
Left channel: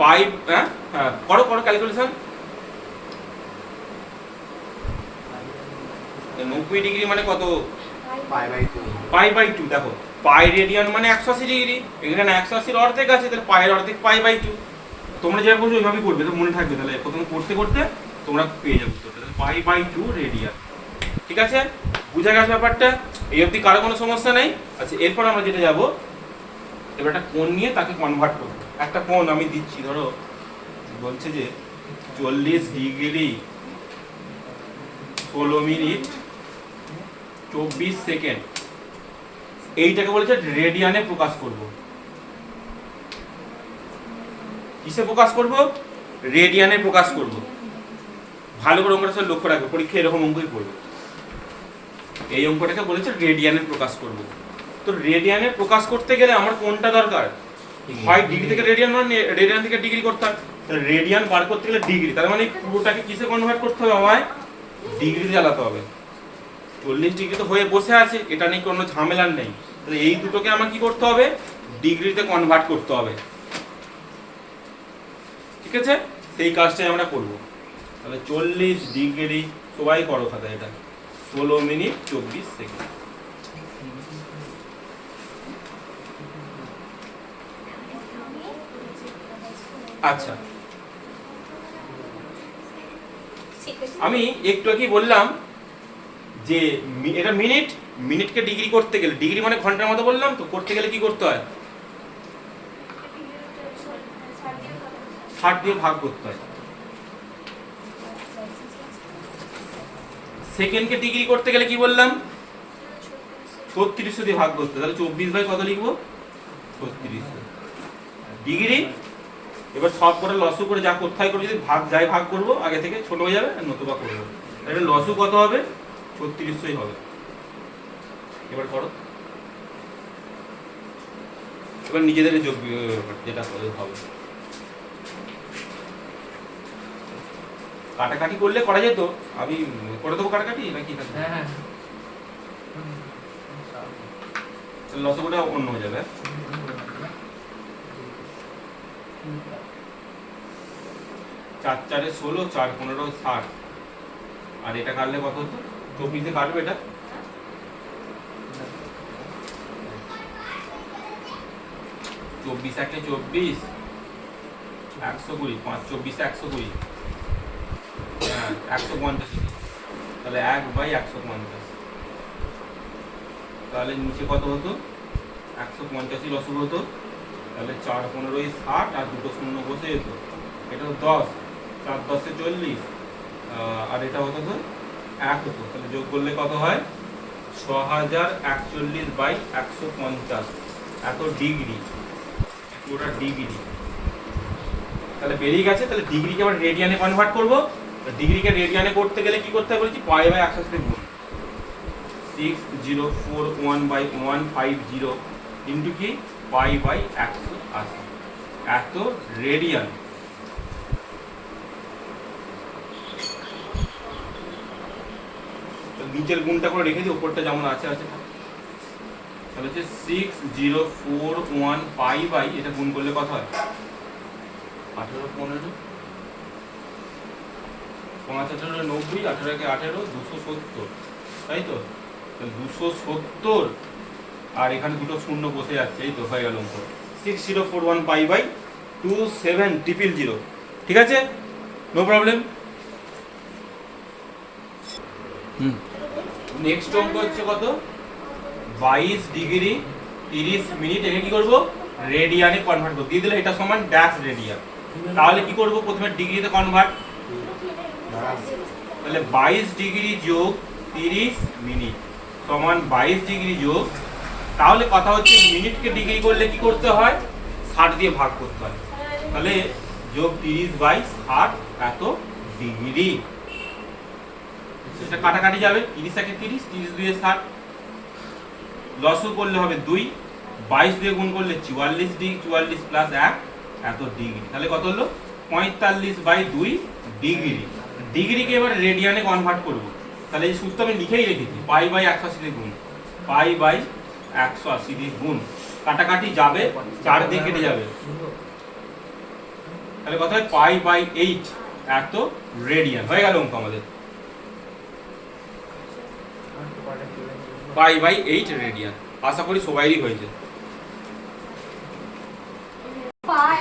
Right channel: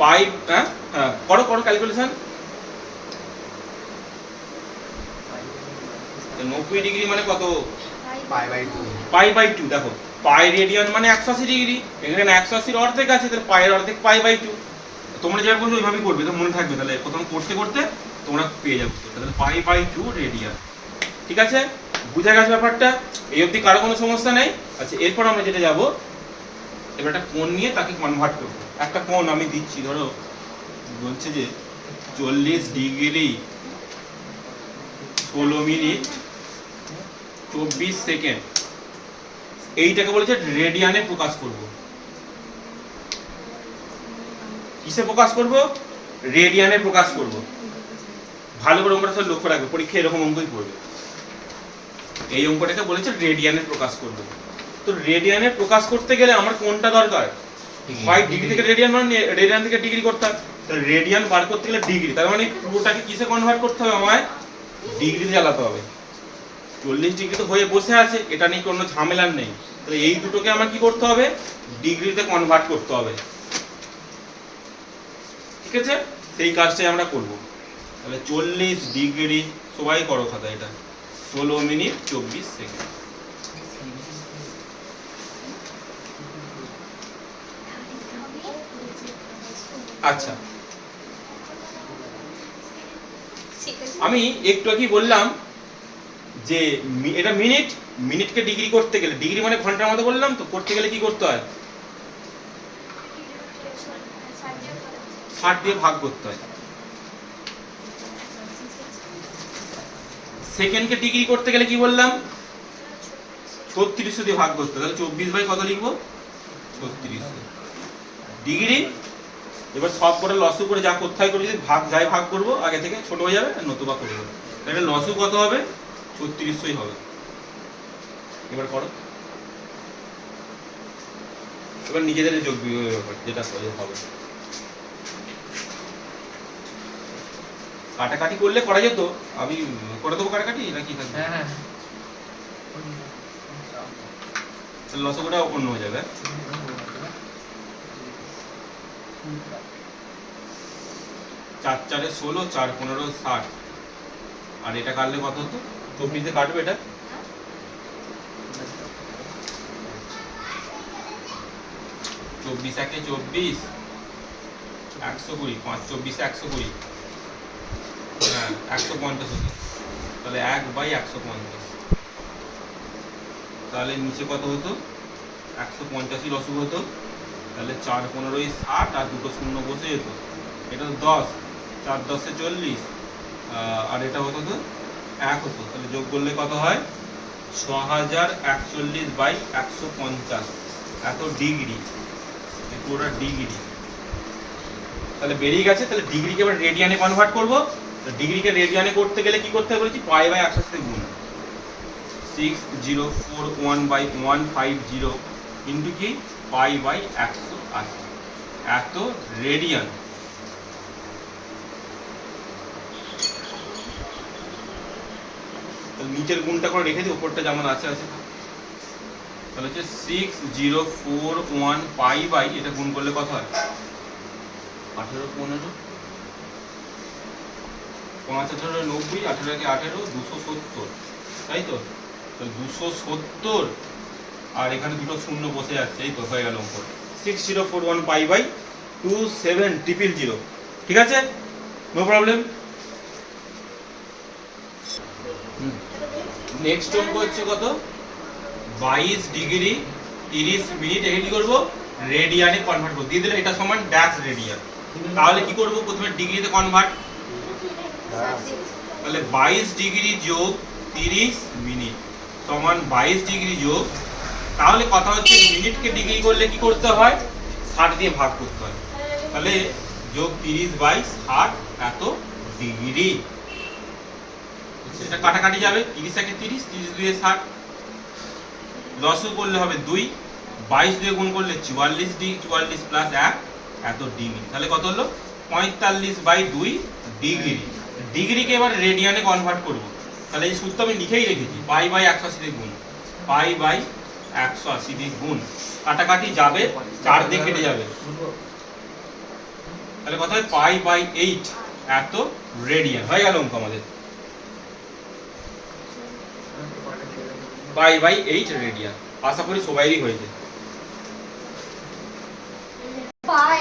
পাই, হ্যাঁ হ্যাঁ, করো ক্যালকুলেশন। 90 ডিগ্রি মানে কত? Pi by 2। দেখো পাই রেডিয়ান মানে 180 ডিগ্রি, এখানে 180 এর অর্ধেক আছে, তাহলে পাই এর অর্ধেক পাই বাই 2। তোমরা যেভাবে করছো ওইভাবেই করবে, তো মনে থাকবে, তাহলে প্রথম করতে করতে তোমরা পেয়ে যাবে। তাহলে পাই বাই 2 রেডিয়ান। ঠিক আছে? বুঝা গেছে ব্যাপারটা? এই অবধি কারো কোনো সমস্যা নেই? আচ্ছা, এরপর আমরা যেটা যাব, এবার একটা কোণ নিয়ে তাকে কনভার্ট করবো। একটা কোণ আমি দিচ্ছি, ধরো বলছে যে 40 ডিগ্রি 16 মিনিট 24 সেকেন্ড, এইটাকে বলেছে রেডিয়ানে প্রকাশ করব। কিসে প্রকাশ করব? রেডিয়ানে প্রকাশ করব। ভালো করে অঙ্কটা সব লক্ষ্য রাখবে, পরীক্ষায় এরকম অঙ্কই পড়বে। এই অঙ্কটাকে বলেছে রেডিয়ানে প্রকাশ করব। তো রেডিয়ানে প্রকাশ করতে গেলে আমার কোনটা দরকার? হয় ডিগ্রি থেকে রেডিয়ান, মানে রেডিয়ান থেকে ডিগ্রি করতে হয়। তাহলে রেডিয়ান বার করতে গেলে ডিগ্রি, তার মানে পুরোটাকে কিসে কনভার্ট করতে হবে? আমায় ডিগ্রি জ্বালাতে হবে। 40 ডিগ্রি তো হয়ে বসে আছে, এটা নিয়ে কোনো ঝামেলা নেই। তাহলে এই দুটোকে আমার কি করতে হবে? ডিগ্রিতে কনভার্ট করতে হবে। ঠিক আছে? সেই কাজটাই আমরা করব। তাহলে 40 ডিগ্রি, সবাই করো খাতা, এটা 16 মিনিট 24 সেকেন্ড। আচ্ছা, আমি একটু আগে বললাম যে এটা মিনিট, মিনিটকে ডিগ্রি করতে গেলে, ডিগ্রি মানে ঘন্টার মতো বললাম, তো করতে গেলে কি করতে হয়? 60 দিয়ে ভাগ করতে হয়। সেকেন্ডকে ডিগ্রি করতে গেলে কি বললাম? 3600 দিয়ে ভাগ করতে। তাহলে 24 বাই কত লিখবো? 3600 ডিগ্রি। এবার সব করে লসু করে যা কোথায় করে যদি ভাগ করবো, আগে থেকে ছোট হয়ে যাবে, নতুবা করবো। এটা লসু কত হবে? 3600ই হবে। এবার করো, এবার নিজেদের যোগ যেটা হবে। কাটাকাটি করলে করা যেত, আমি করে দেবো কাটাকাটি নাকি? হ্যাঁ, লসগুটা অন্য হয়ে যাবে। 4 4 16, 4 15 60, আর এটা কাটলে কত হতো? 24 দিয়ে কাটবে এটা। চব্বিশ 1 24, 120, 5 24 120, হ্যাঁ 150। তাহলে 1/150। তাহলে নিচে কত হতো? 185 লসগু হতো। তাহলে 4 15 60, আর দুটো শূন্য বসে যেত। এটা তো 10, 4 10 40, আর এটা হতো তো 1 হতো। তাহলে যোগ করলে কত হয়? 6041/150, এত ডিগ্রি, পুরোটা ডিগ্রি। তাহলে বেরিয়ে গেছে। তাহলে ডিগ্রিকে এবার রেডিয়ানে কনভার্ট করবো। ডিগ্রিকে রেডিয়ানে করতে গেলে কি করতে হবে বলেছি? পাই বাই 180 গুণ 6041/150 ইন্টু কি? পাই বাই 180, এত রেডিয়ান। নিচের গুণটা করে রেখে দিই, উপরটা যেমন আছে আছে। তাহলে হচ্ছে 6041 পাই বাই, এটা গুণ করলে কত হয়? 18 15, 5 18 90, 18 কে 18 270, তাই তো? 270, আর এখানে দুটো শূন্য বসে যাচ্ছে, এই তো হয়ে গেল উপর। 6041 পাই বাই 27000, ঠিক আছে, নো প্রবলেম। নেক্সট অঙ্ক হচ্ছে কত, 22 ডিগ্রি 30 মিনিট, এখানে কি করবো, রেডিয়ানে কনভার্ট করব, দিয়ে দিলে এটা সমান ড্যাশ রেডিয়ান। তাহলে কি করব, প্রথমে ডিগ্রিতে কনভার্ট, তাহলে 22 ডিগ্রি যোগ 30 মিনিট সমান 22 ডিগ্রি যোগ, তাহলে কথা হচ্ছে মিনিটকে ডিগ্রি করলে কি করতে হয়, 60 দিয়ে ভাগ করতে হয়, তাহলে যোগ 30 বাই 60 এত ডিগ্রি। এটা কাটাকাটি যাবে, 30 একে 30, 30 দুয়ে 60, লসু করলে হবে 2, 22 দিয়ে গুণ করলে 44 ডিগ্রি, 44 প্লাস 1 এত ডিগ্রি, তাহলে কত হলো 45 বাই 2 ডিগ্রি। ডিগ্রিকে এবার রেডিয়ানে কনভার্ট করব, তাহলে এই সূত্র আমি লিখেই রেখেছি, পাই বাই 180 দিয়ে গুণ, পাই বাই 180 দিয়ে গুণ, কাটাকাটি যাবে, 4 দিয়ে কেটে যাবে, তাহলে কত হয় পাই বাই 8 এত রেডিয়ান, হয়ে গেল অঙ্ক আমাদের, পাই বাই 8 রেডিয়ান। আশা করি সবাইরই হয়েছে,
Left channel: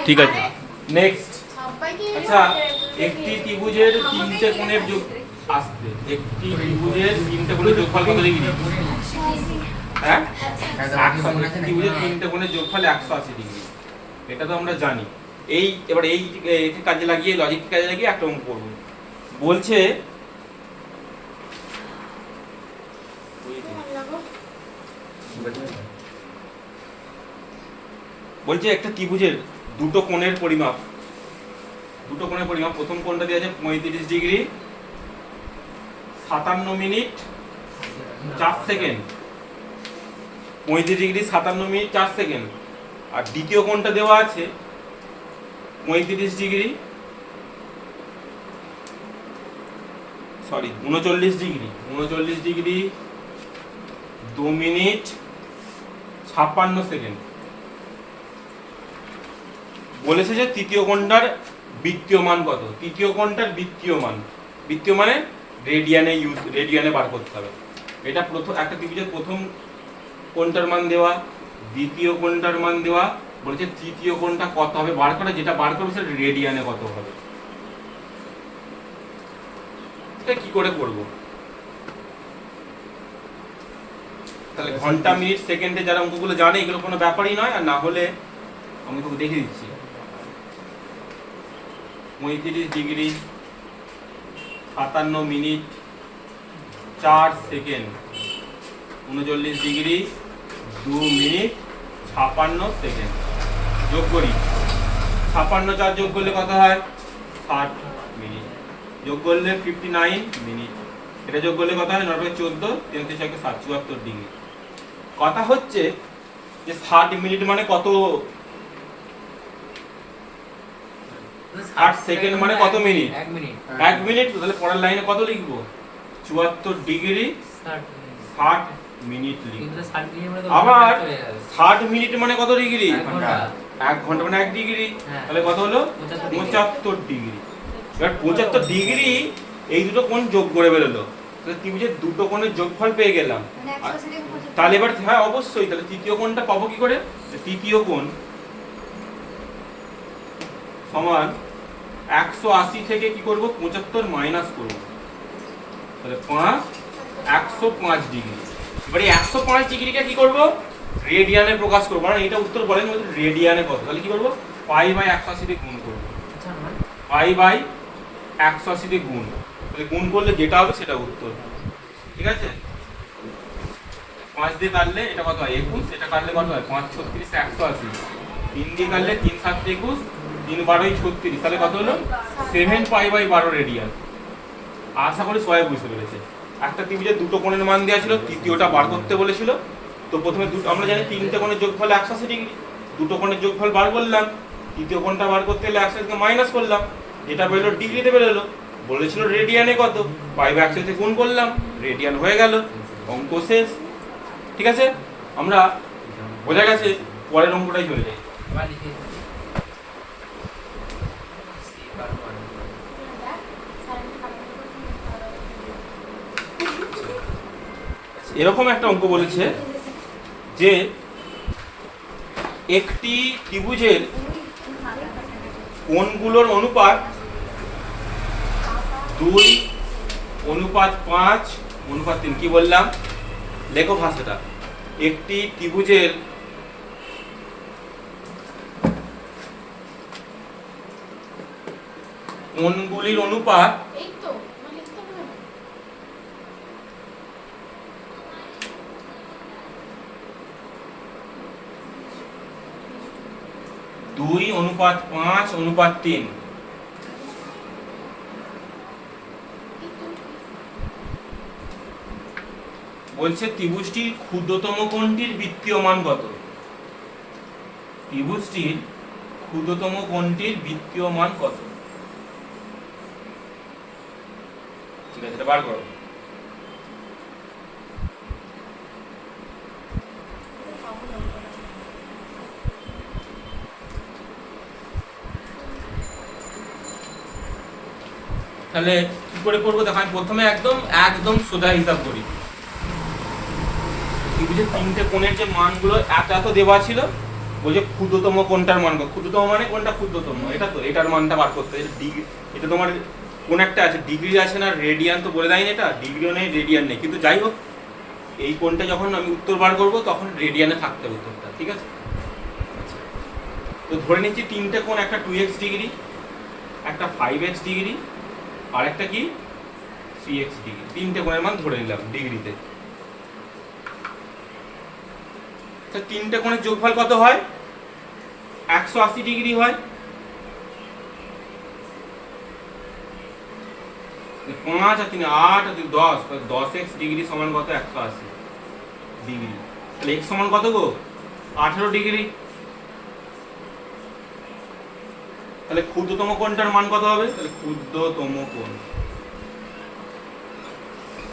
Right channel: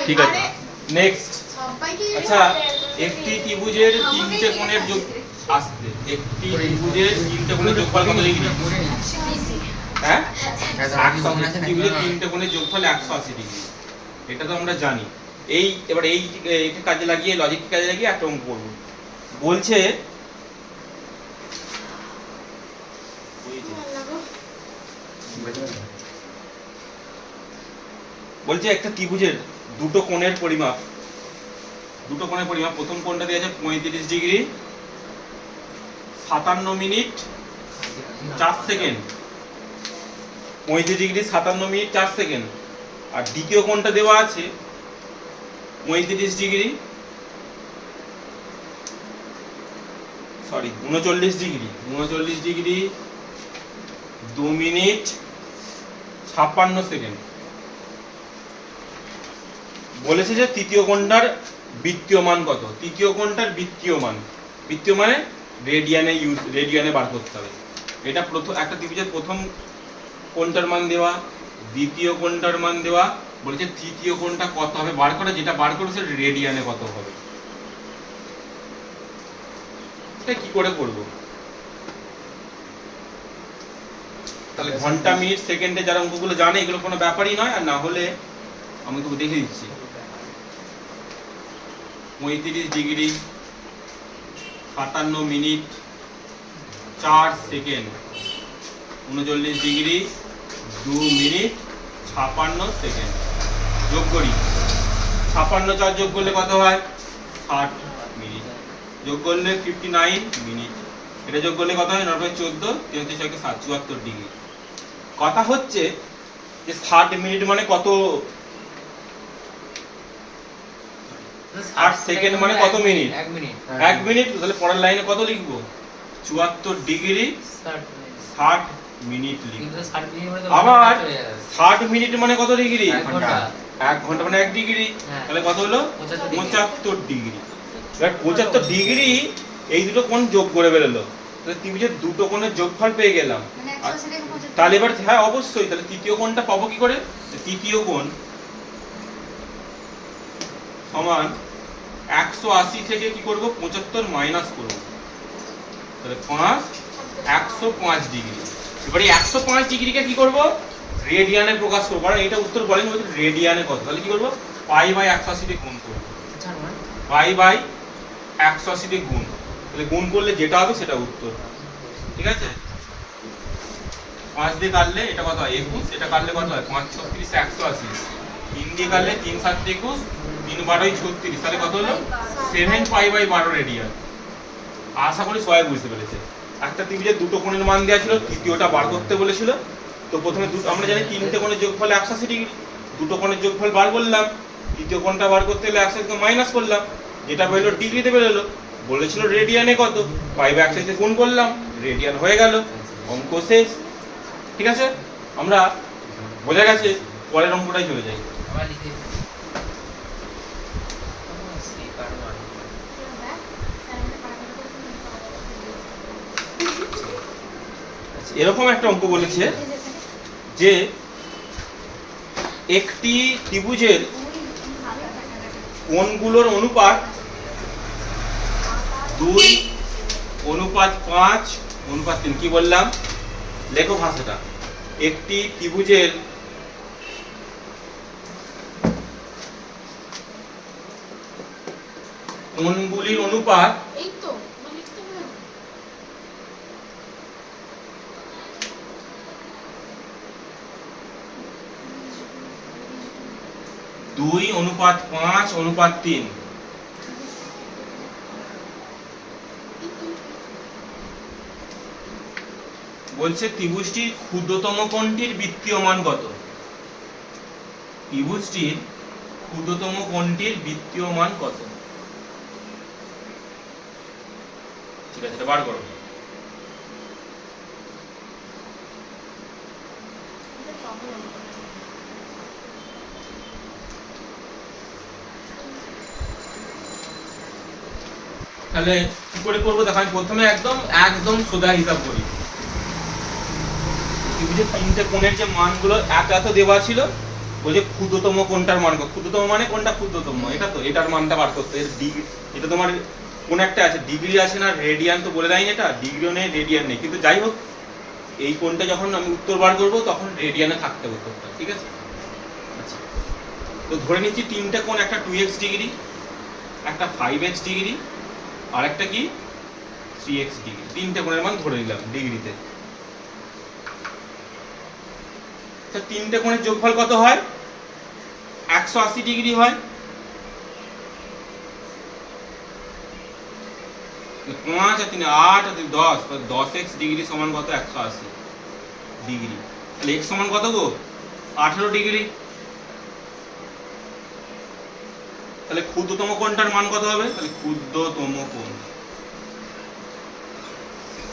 ঠিক আছে। নেক্সট, আচ্ছা একটি ত্রিভুজের তিনটে কোণের যোগ আসছে, একটি ত্রিভুজের তিনটে কোণের যোগফল কত ডিগ্রি, হ্যাঁ 180, ত্রিভুজের তিনটে কোণের যোগফল 180 ডিগ্রি, এটা তো আমরা জানি। এই এবার এই কাজে লাগিয়ে, লজিক কাজে লাগিয়ে একটা অঙ্ক করব, বলছে একটা ত্রিভুজের দুটো কোণের পরিমাপ, প্রথম কোণটা দিয়ে আছে 35 degree 57 minute 4 second, 35 degree 57 minute 4 second, আর দ্বিতীয় কোণটা দেওয়া আছে 39 ডিগ্রি 39 ডিগ্রি 2 মিনিট 56 সেকেন্ড। বলেছে যে তৃতীয় কোণটার বৃত্তীয় মান কত, তৃতীয় কোণটার বৃত্তীয় মানে রেডিয়ানে বার করতে হবে। এটা প্রথম একটা ত্রিভুজের প্রথম কোণটার মান দেওয়া, দ্বিতীয় কোণটার মান দেওয়া, বলেছে তৃতীয় কোণটা কত হবে বার করে, যেটা বার করবে সেটা রেডিয়ানে কত হবে। এটা কি করে করব, তাহলে ঘন্টা মিনিট সেকেন্ডে যারা অঙ্কগুলো জানে এগুলো কোনো ব্যাপারই নয়, আর না হলে আমি তোকে দেখে দিচ্ছি। 35 degree 57 minute 4 second, 39 degree 2 minute 56 second, যোগ করি, 56 4 যোগ করলে কত হয় 60 মিনিট, যোগ করলে 59 মিনিট, এটা যোগ করলে কত হয় 9 14, 33 74 ডিগ্রি। কথা হচ্ছে যে 60 মিনিট মানে কত, 8 সেকেন্ড মানে কত মিনিট, 1 মিনিট, তাহলে পরের লাইনে কত লিখবো 74 ডিগ্রি 60 মিনিট লিখবো। আবার 60 মিনিট মানে কত ডিগ্রি, 1 ঘন্টা মানে 1 ডিগ্রি, তাহলে কত হলো 75 ডিগ্রি। এবার 75 ডিগ্রি এই দুটো কোণ যোগ করে বেরোলো, তাহলে ত্রিভুজের দুটো কোণের যোগফল পেয়ে গেলাম। তাহলে এবার হ্যাঁ অবশ্যই, তাহলে তৃতীয় কোণটা পাবো কি করে, তৃতীয় কোণ সমান 180 থেকে কি করব 75 মাইনাস করব, তাহলে 5 105 ডিগ্রি। এবারে 105 ডিগ্রিকে কি করব রেডিয়ানে প্রকাশ করব, কারণ এটা উত্তর বলেন রেডিয়ানে কত, তাহলে কি করব পাই বাই 180 দিয়ে গুণ করব, পাই বাই 180 দিয়ে গুণ, তাহলে গুণ করলে যেটা হবে সেটা উত্তর, ঠিক আছে। 5 দিয়ে কাটলে এটা কত হয় 21, এটা কাটলে কত হয় 5 36 180, 3 দিয়ে কাটলে 3 7 21, 3 12 36, তাহলে কত হলো 7 পাই বাই 12 রেডিয়ান। আশা করি সবাই বুঝতে পেরেছে। একটা ত্রিভুজের দুটো কোণের মান দেওয়া ছিল, তৃতীয়টা বার করতে বলেছিল, তো প্রথমে আমরা জানি তিনটে কোণের যোগফল 180 ডিগ্রি, দুটো কোণের যোগফল বার করলাম, তৃতীয় কোণটা বার করতে হলে 180 থেকে মাইনাস করলাম, যেটা বেরোলো ডিগ্রিতে বেরোলো, বলেছিল রেডিয়ানে কত, পাই বাই 180 গুণ করলাম, রেডিয়ান হয়ে গেল, অঙ্ক শেষ, ঠিক আছে। আমরা বোঝা গেছে, পরের অঙ্কটাই চলে যাই। এরকম একটা অঙ্ক বলেছে যে একটি ত্রিভুজের কোণগুলোর অনুপাত 2:5:3। কি বললাম? লেখো ভাষাটা। একটি ত্রিভুজের কোণগুলির অনুপাত 2:5:3। বলছে ত্রিভুজটির ক্ষুদ্রতম কোণটির বৃত্তীয় মান কত? ত্রিভুজটির ক্ষুদ্রতম কোণটির বৃত্তীয় মান কত? ঠিক আছে, এটা বার করো। তাহলে কি করে করবো দেখো, আমি প্রথমে একদম একদম সোজা হিসাব করি। ত্রিভুজের তিনটে কোণের যে মানগুলো এত এত দেওয়া ছিল, ওই যে ক্ষুদ্রতম কোণটার মান, ক্ষুদ্রতম মানে কোনটা ক্ষুদ্রতম, এটা তো এটার মানটা বার করতে। এটা তোমার কোন একটা আছে, ডিগ্রি আছে না রেডিয়ান তো বলে দেয়নি, এটা ডিগ্রিও নেই রেডিয়ান নেই, কিন্তু যাই হোক এই কোণটা যখন আমি উত্তর বার করবো তখন রেডিয়ানে থাকতে হবে উত্তরটা, ঠিক আছে? আচ্ছা, তো ধরে নিচ্ছি তিনটে কোণ, একটা 2x ডিগ্রি, একটা 5x ডিগ্রি, আর একটা কি 3x ডিগ্রি। তিনটে কোণের মান ধরে নিলাম ডিগ্রিতে। তিনটে কোণের যোগফল কত হয়? 180 ডিগ্রি হয়। 5 আর 3 8 আর 10, 10x ডিগ্রি সমান কত? 180 ডিগ্রি। তাহলে x সমান কত গো? 18 ডিগ্রি। তাহলে ক্ষুদ্রতম কোণটার মান কত হবে? তাহলে ক্ষুদ্রতম কোণ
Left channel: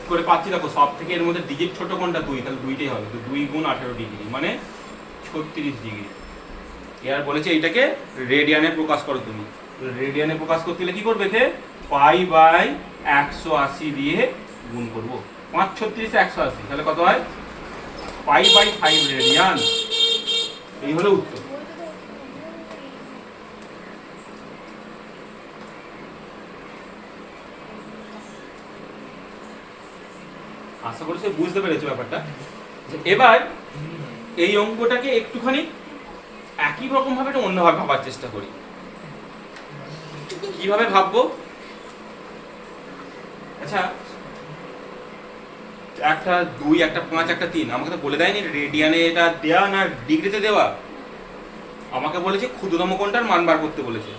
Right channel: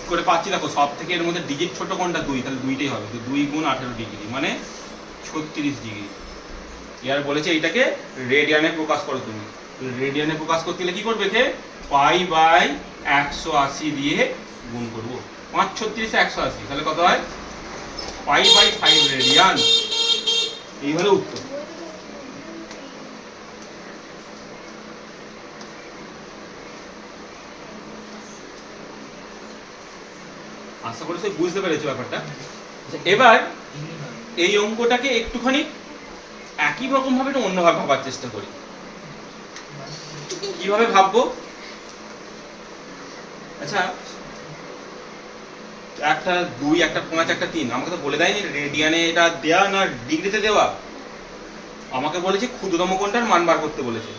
করে পাচ্ছি দেখো, সব থেকে এর মধ্যে ডিজিট ছোট কোণটা 2, তাহলে 2টাই হবে। তো 2 গুণ 18 ডিগ্রি মানে 36 ডিগ্রি। এর বলেছে এইটাকে রেডিয়ানে প্রকাশ করো তুমি। রেডিয়ানে প্রকাশ করতে গেলে কি করবে? π/180 দিয়ে গুণ করব। 5 36 180, তাহলে কত হয়? π/5 রেডিয়ান। এই হলো উত্তর। আশা করি বুঝতে পেরেছো ব্যাপারটা। এবার এই অঙ্কটাকে একটুখানি একই রকম ভাবে একটা অন্যভাবে ভাবার চেষ্টা করি। কিভাবে ভাববো? আচ্ছা, একটা 2, একটা 5, একটা 3, আমাকে তো বলে দেয়নি রেডিয়ানে এটা দেওয়া না ডিগ্রিতে দেওয়া। আমাকে বলেছে ক্ষুদ্রতম কোণটার মান বার করতে বলেছে।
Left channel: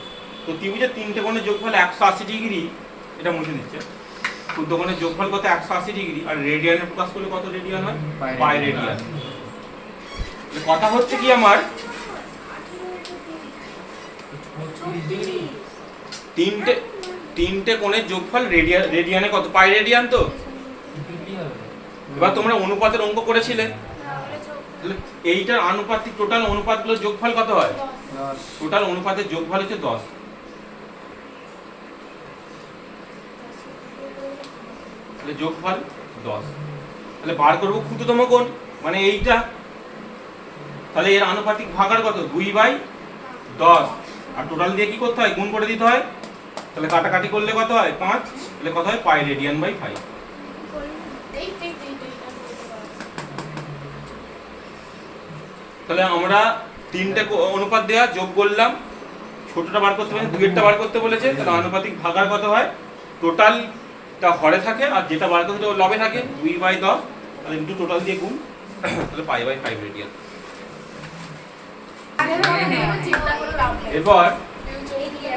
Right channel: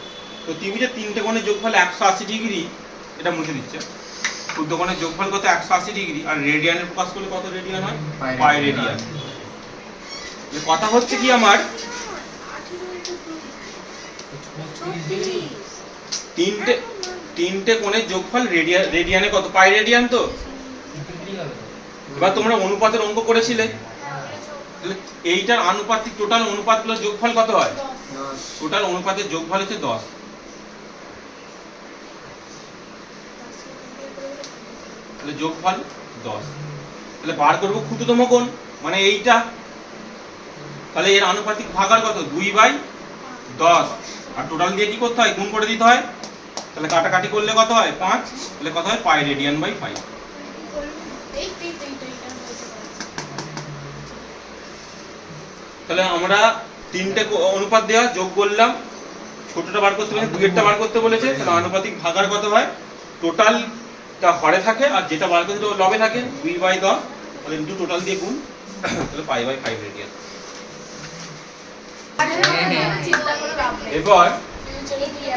তো ত্রিভুজের তিনটে কোণের যোগফল 180 ডিগ্রি, এটা মুছে দিচ্ছে। ক্ষুদ্র কোণের যোগফল কত? 180 ডিগ্রি। আর রেডিয়ানে প্রকাশ করলে কত রেডিয়ান হয়? Pi radian. কথা হচ্ছে কি আমার, তিনটে কোণের যোগফল রেডিয়ানে কত? পাই রেডিয়ান। তো এবার তোমরা অনুপাতের অঙ্ক করেছিলে, এইটার আনুপাতিক টোটাল অনুপাতগুলোর যোগফল কত হয়? টোটাল অনুপাতের যোগফল হচ্ছে 10। তাহলে যোগফল 10। তাহলে বার করবো ক্ষুদ্রতম কোণ মানে এইটা। তাহলে এর আনুপাতিক ভাগার কত? 2/10। আর টোটাল দিয়ে কি করতে হয়? গুণ করে দিতে হয়। তাহলে কাটাকাটি করলে কত হয়? 5। তাহলে কত হয়? Pi radian by 5। তাহলে আমরা তিনটে অনুপাত দেওয়া যোগ করলাম, ছোটটা বার করতে বলেছে, দুইয়েরটা বার করতে বলেছে। তাহলে আনুপাতিক ভাগার কত হয়? টোটালটা হরে থাকে আর যেটা বার করতে ওটা লবে থাকে। 2/10, তাহলে ইনটু টোটাল দিয়ে গুণ, তাহলে π/5 রেডিয়ান। এবার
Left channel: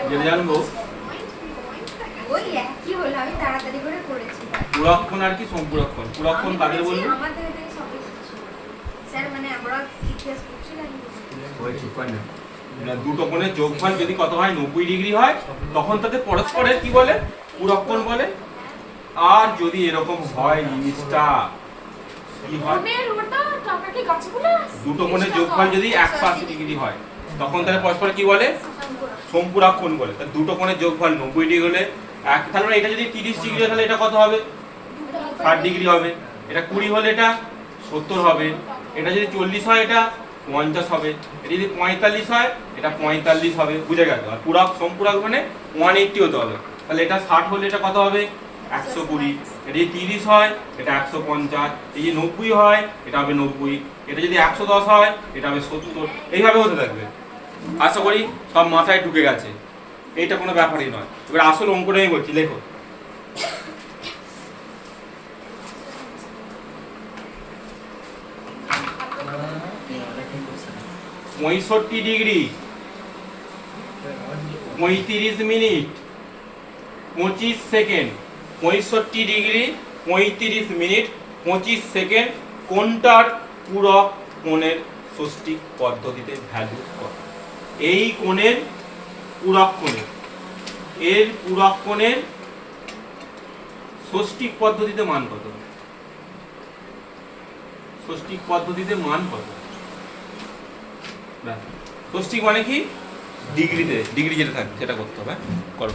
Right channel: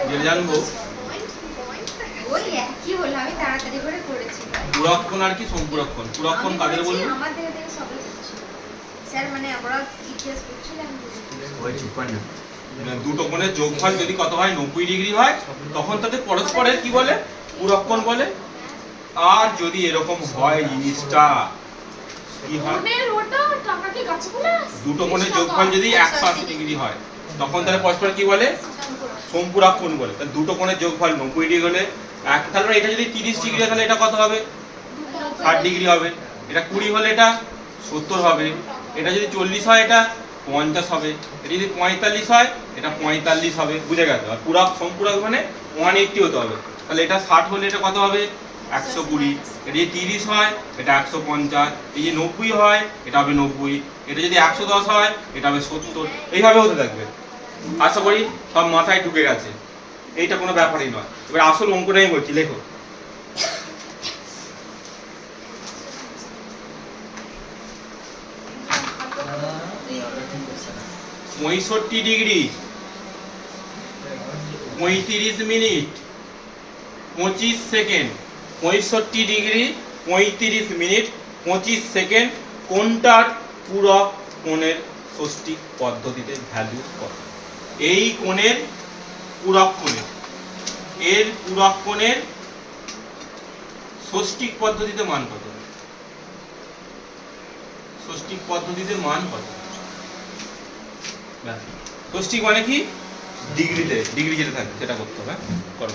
যেটা জানবো পুরক্ষণ আর কি সম্পুরক্ষণ। পুরক্ষণ কাদের বলবো? দুটো কোণের যোগফল যদি কত হয়? 90 ডিগ্রি হয়, তখন তাদের পরস্পরের কি বলে? পুরক্ষণ বলে। আর যদি এরকম হয় জিনিসটা কি হয়? দুটো কোণের যোগফল যদি 180 ডিগ্রি হয়, তখন তাহলে পরস্পর কি বলে? সম্পুরক্ষণ বলে। তাহলে দুটো কোণের যোগফল 90 ডিগ্রি হলে তাহলে এটা যদি 30 ডিগ্রি হয়, তাহলে এটা কত হবে? 60 ডিগ্রি হবে। এটা 20 হলে এটা 70 হবে। এটা যদি 40 হয়, এটা 50 হবে। এটা যদি 45 হয় এটা 45 হবে, বুঝে গেল? আর পুরা সম্পূরক মানে 180 হতে হবে। তাহলে এটা 60 হলে এটা কত হবে? 120। এটা যদি 30 হয় এটা 150। এই যে 90 হয় এটা হবে 90। এটা যদি 110 হয় এটা হবে 70। এইভাবে হতে থাকবে। আশা করি সব মাথায় ঢুকে গেছে, এইটা কোনো ব্যাপারই নয়। এবার আসল অঙ্কটা আমি বলছি, লেখো। 65 degree 35 minute 25 second. 65 degree 35 minute 25 second কোনটার পূরক কোণের ষষ্ঠিক পদ্ধতিতে ভ্যালু কত? এই কোণের পূরক কোণের, এর পূরক কোণের ষষ্ঠিক পদ্ধতিতে মান কত? ষষ্ঠিক পদ্ধতিতে মান কত? ষষ্ঠিক মানে কি? ডিগ্রিতে, ডিগ্রি যেটা থাকবে সেটা করতে হবে। করো।